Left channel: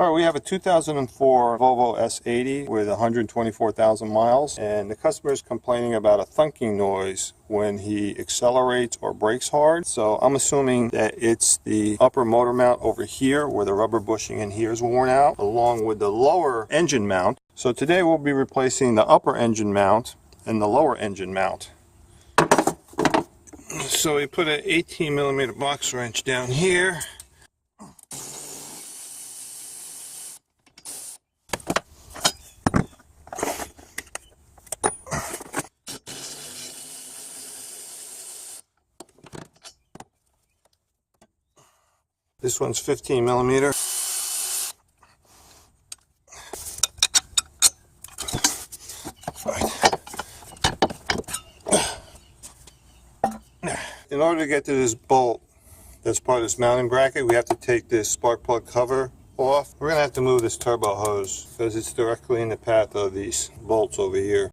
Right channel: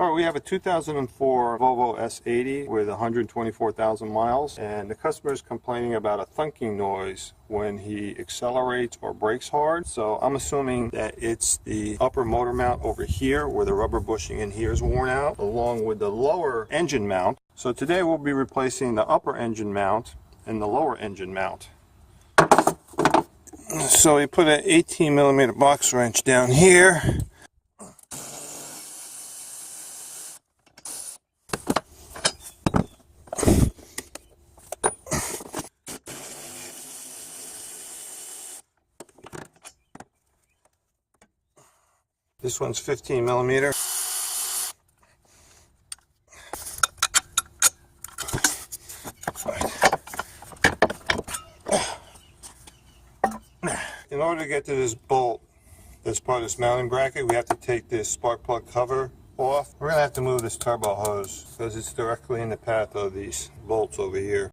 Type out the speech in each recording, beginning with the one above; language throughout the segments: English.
Alright, we have a 2004 Volvo S80 with 124,000 miles, and the customer is complaining about a thunking noise when he accelerates or brakes hard. So I'm assuming that it's the upper motor mount over here where the rubber bushing in here is worn out, along with the lower engine mount. So today we'll be replacing the upper engine mount and the lower engine mount. So we put an 18mm box wrench down here. This one's 15mm. In order to get to this bolt that's part of this mounting bracket, we have to take this spark plug cover off. We're going to have to move this turbo hose because it's directly in the path of these bolts over here.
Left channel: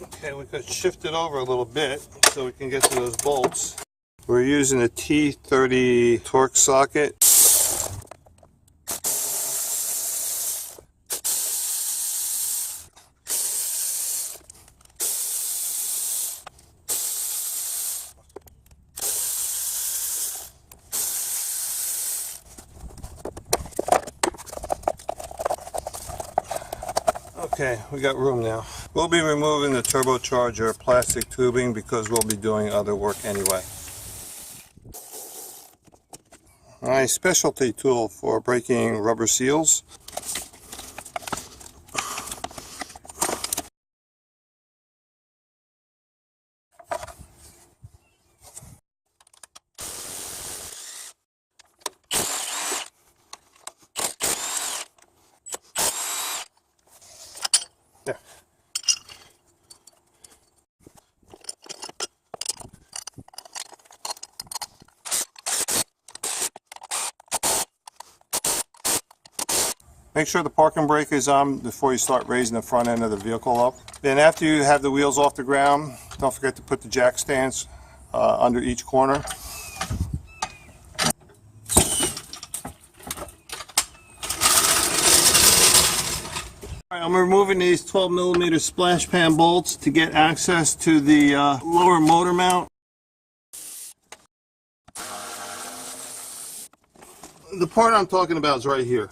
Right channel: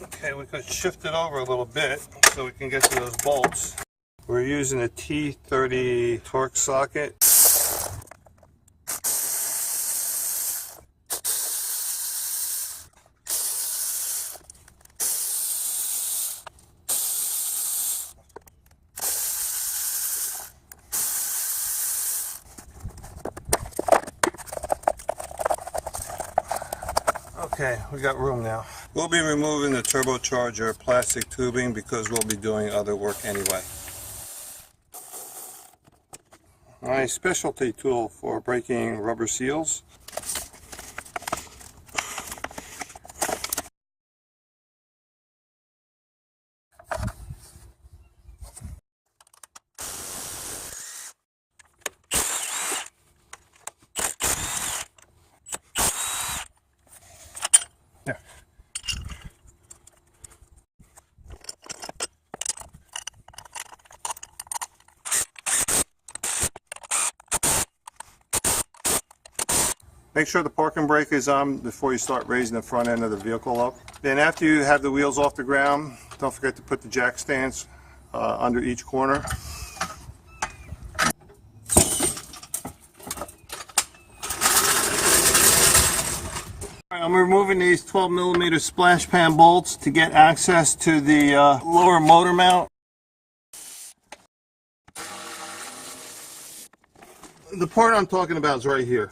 Okay, we could shift it over a little bit so we can get to those bolts. We're using a T30 torque socket. Okay, we got room now. We'll be removing the turbocharger plastic tubing because we'll be doing other work anyway. A specialty tool for breaking rubber seals. There. Make sure the parking brake is on before you start raising the front end of the vehicle up. Then after you have the wheels off the ground, don't forget to put the jack stands under each corner. I'm removing these 12mm splash pan bolts to get access to the lower motor mount. The part I'm talking about is right here.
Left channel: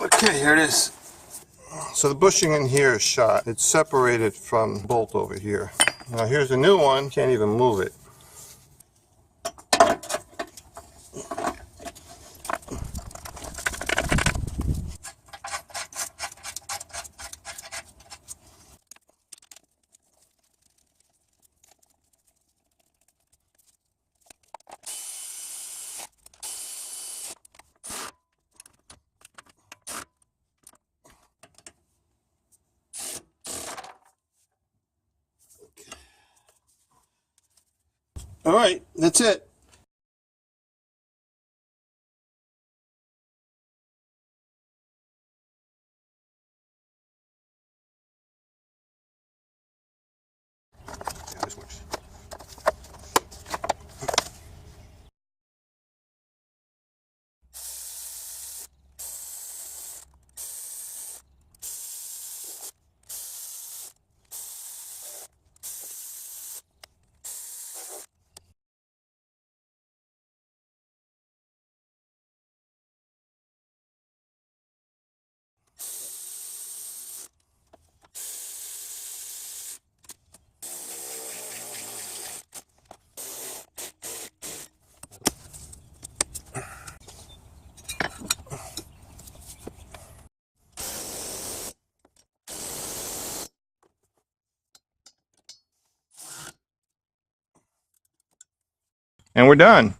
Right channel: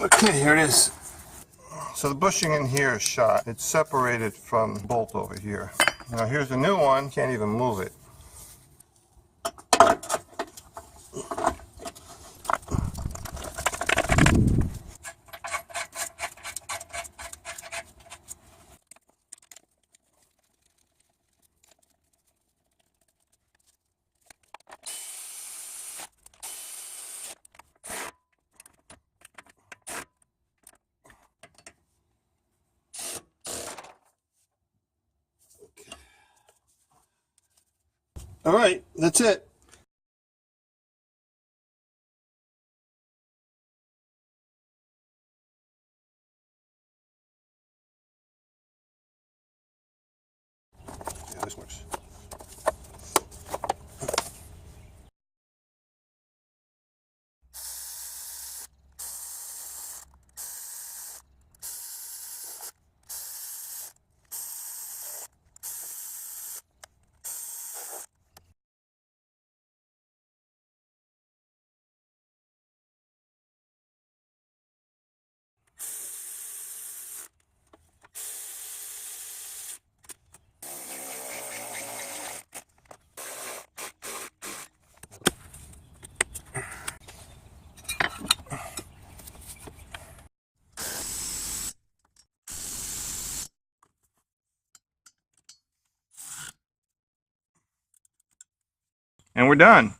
Okay, here it is. So the bushing in here is shot. It's separated from the bolt over here. Now here's a new one. Can't even move it. All right, that's it. This works. And we're done.